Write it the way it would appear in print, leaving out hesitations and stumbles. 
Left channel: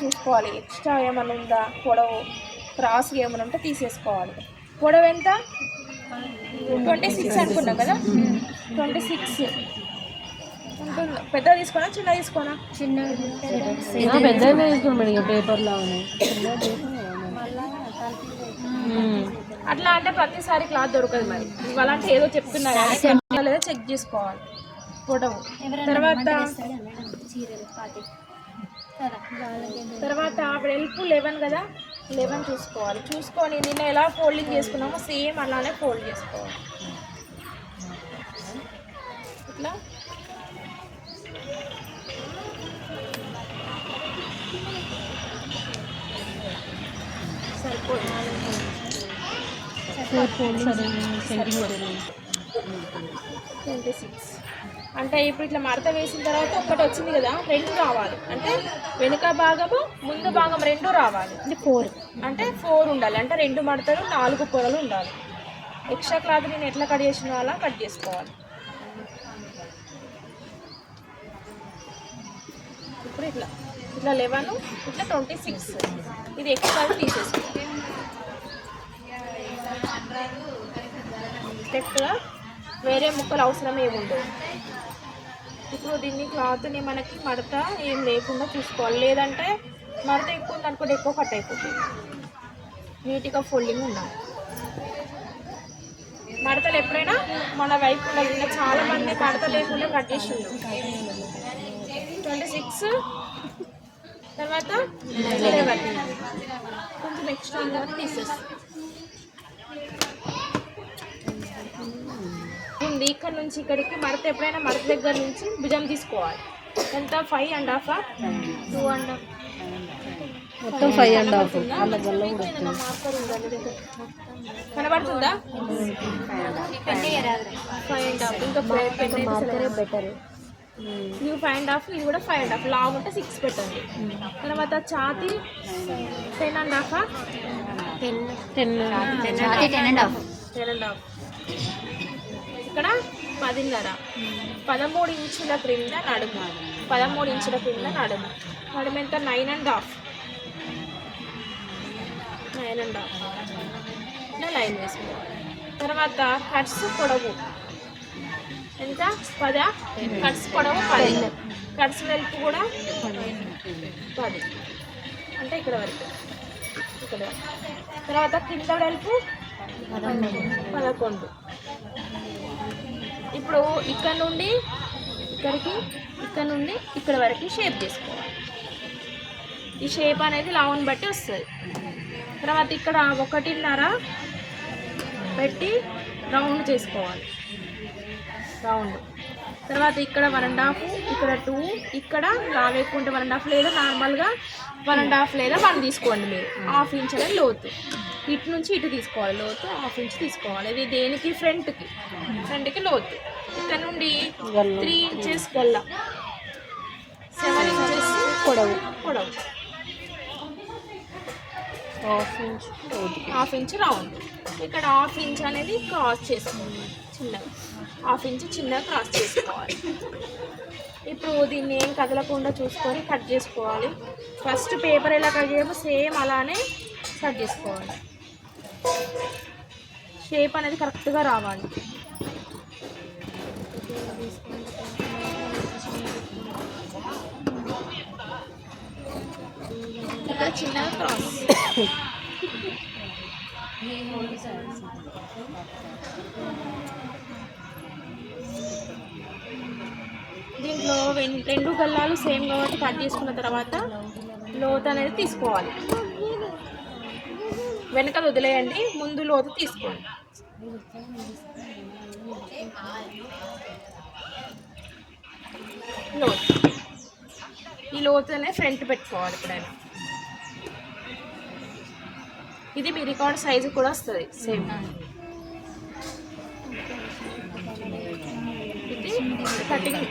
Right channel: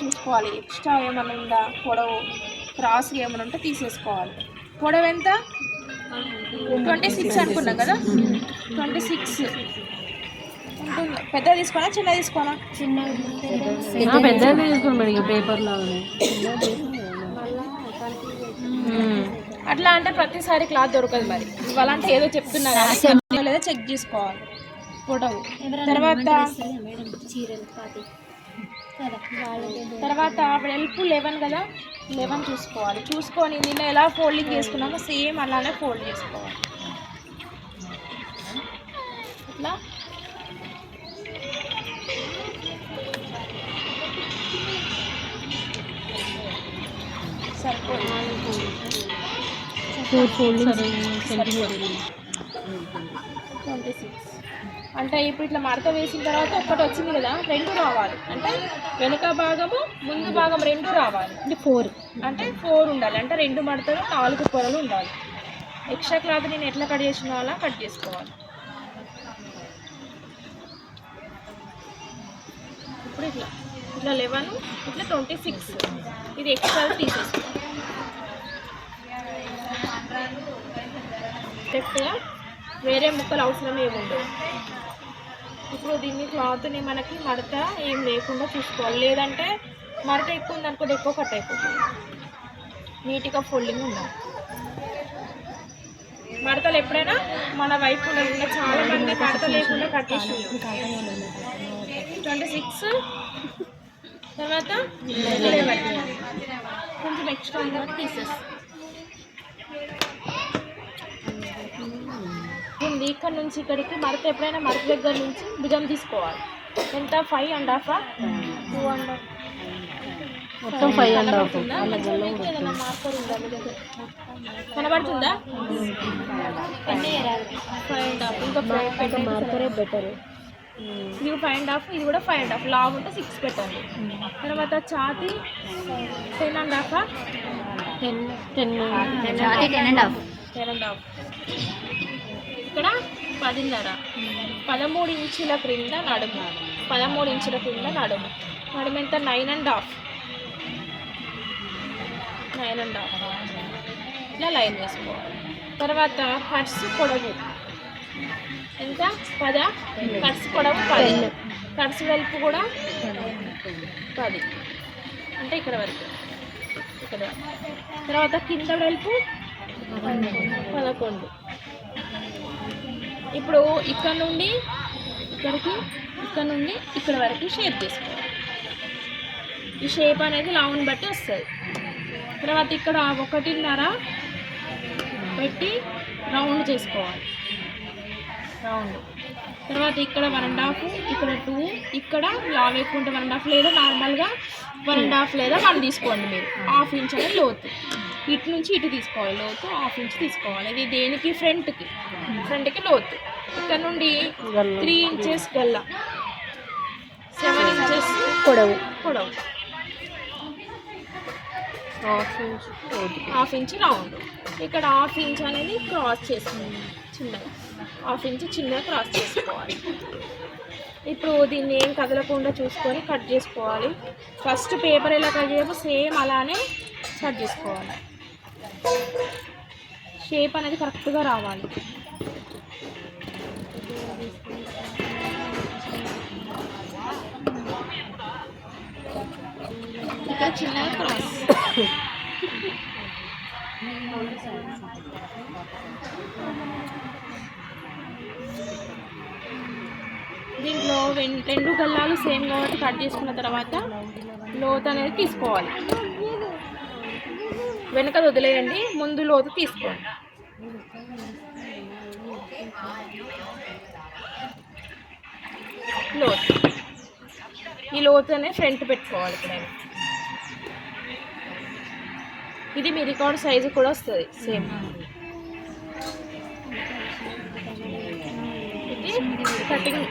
చూసుకోవాలి ఎక్స్ట్రా ఏమైనా ఉందా, పొడవు క్రాస్ ఏమైనా ఉంటే తీసేసుకోవాలి. పొడవు ఎంత 26 అనుకున్నా కదా, 26 ఉంటుంది. పెద్ద తీసుకోనా చిన్న తీసుకోనా? పెద్దనే తీసుకోండి మేడం, పేపర్ లాగానే. అట్లా అంటే ప్రతిసారి క్లాత్ దొరకదు. మరి ఇవ్వాలంటే ఏదో చెప్తున్నా లేదా చెక్ చేసుకోవాలి పొడవు. తర్వాత వెడల్పు 11 కదా, 11 చూసుకోవాలి. చూసుకొని నిన్న ఎలా ఫోల్డింగ్ చేసుకున్నామో సేమ్ అలానే ఫోల్డ్ చేసుకోవాలి. ఇట్లా సరిపోదు. 26 అంటే ఇప్పుడు ఇట్లా మడత వేసిన తర్వాత ఒక్కటి వచ్చింది కదా, 2 రావాలి. అంటే వెనుక భాగము ముందు భాగం 2 రావాలి. 4 అంటే 4 ఉండాలి. అంటే 2 మడతలు 4 పొరలు ఉండాలి. ఎక్స్ట్రా క్లాత్ నేను ఎట్లా కట్ చేసినా అలా కట్ చేసుకోవాలి. ఇప్పుడు ఇట్లా 11 ఇట్లా 26 ఇది ఎక్స్ట్రా తీసేసుకోవాలి. స్టెప్గా వేరే ముక్కలు అవసరం ఏముండదు. ఇప్పుడు దీన్ని క్లాత్ని మనకి మడత ఏం లేకుండా చూసుకోవాలి. లేదంటే మడత ఎక్కువ ఉందనుకోండి, ఎక్కువ కట్ అయిపోతుంది. నీట్గా ఫోల్డింగ్ ఉండాలి. మడతలు ఎప్పుడైనా మన వైపు ఉండాలి. ఇంకా చాలామంది మడత లేకుండా కట్ చేసి 26 తర్వాత 11 కొంచెం ఎక్స్ట్రా తీసేస్తాం. ఉంది ఇక్కడ నుంచి ఇక్కడికి మడత ఎప్పుడైనా మడత దగ్గర నుంచి భుజం తీసుకోవాలి. ఎంత 5.5 2.5 మొత్తం 5.5 కనబడుతుందా? 5.5 ఇంకా మార్కరే బెటర్. ఇది 5.5 ఇది కూడా 5.5 లావు ఉంటే 6 పెట్టండి. తర్వాత ఛాతీ 10.5 10.5 ఇక్కడ 10.5 13 ఇంచుల క్రింద నడుము, 13 ఇంచుల క్రింద నడుము. నడుము ఎంత 9.5 ఇట్లా లైన్ వేసుకోవాలి. తర్వాత కట్స్ పొడవు ఎంత 10, కట్స్ పొడవు 10, కట్స్ వెలుపు కూడా 10 అంటే ఇక్కడ వరకు ఇక్కడ. తర్వాత కింద వెలుపు 11. ఇప్పుడు ఇక్కడ నుండి ఇక్కడికి, ఇక్కడ నుండి ఇక్కడ వరకు షేప్ చేసుకోవాలి. ఈ షేప్ అనేది లావుని బట్టి వస్తుంది. తర్వాత ఇక్కడ 1.5 పెట్టి రౌండ్ చేసుకోవాలి. రౌండ్ తర్వాత ఇక్కడ 1.5, ఇక్కడ 2, ఇక్కడ లావు ఎక్కువ ఉంటే 1.5 లేదా నార్మల్గా 1.5 లేదా 1 తీసుకోండి. మీరు 1/2 ఇంచ్ అనేది లోతు, ఇటు నుంచి ఇటు తీసుకోవాలి. లోతు 1/2 ఇంచ్ తీసుకోవాలి. ఇది దేనికి ఫ్రంట్కి లోతు. ఇక్కడ నుండి 3 ఇంచెస్ గల్ల, 7 ఇంచెస్ పొడవు 1/2 ఇంచ్ రౌండ్. ఇక్కడ 1/2 ఇంచ్ అనేది క్రాస్ చేసుకోవాలి. చిన్నగా 1/2 ఇంచ్ చిన్నగా క్రాస్ చేసుకోవాలి. ఇప్పుడు దీన్ని ఏం కదలకుండా చూసుకొని కట్ చేసుకోవాలి. ఫస్ట్ పేపర్ ఎలా కట్ చేయమో సేమ్ అలానే కట్ చేసుకోవాలి. షేప్ అనేది కరెక్ట్గా రావాలి. ఇక్కడ చిన్నగా క్రాస్. దీంట్లో 2 గల్లాలు సేమ్ కాబట్టి కట్ చేసుకున్న తర్వాత లోతు అనేది తీసుకోవాలి. వెనక వదిలేయండి, ముందు లోతు తీసుకోండి. లోతు ఈ లోతు అనేది ఫ్రంట్ పెట్టుకోవాలి. ఎప్పుడైనా ఇది మీ రికార్డ్ సైజు కూడా వస్తుంది సేమ్. ఇది కటింగ్